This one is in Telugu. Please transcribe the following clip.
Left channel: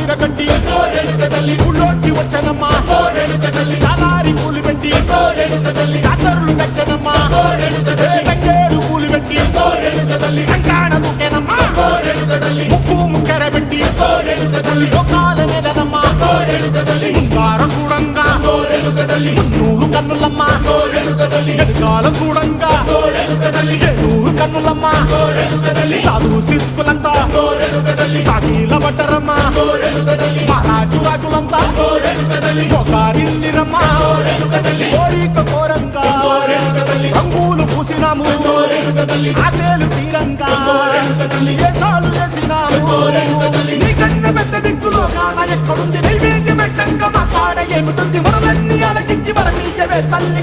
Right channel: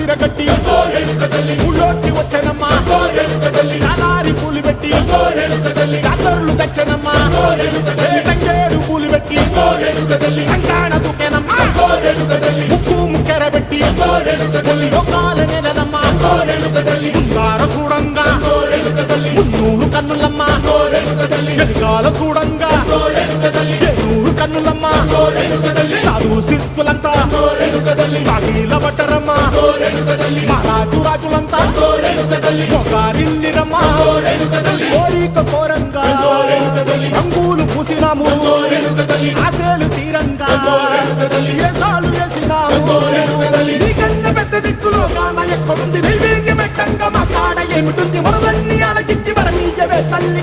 విరగట్టి ఊళ్ళోకి వచ్చనమ్మా చాలారి పూలు పెట్టి జాతరులు తెచ్చనమ్మా తంగేడు పూలు పెట్టి రంగాణ దూకేనమ్మా ముక్కు ముక్కెర పెట్టి ముల్లోకాల నెలనమ్మా ముందార చూడంగా మున్నూరు కన్నులమ్మా ఎనకాల చూడంగా ఏనూరు కన్నులమ్మా సాధు సిద్ధులంతా సాగిల పట్టరమ్మా మహారాజు రాజులంతా మొగారిల్లిరమ్మా కోరిక కోరంగా రంగులు పూసినాము ఆశలు తీరంగా ఏసాలు వేసినాము నీకన్నా పెద్ద దిక్కులో కాన ఎక్కడుంది నైవేద్యం ఎట్టంగా మా కాడ ఏమిటుంది మనలన్నీ అలకించి మరమీయవే తల్లి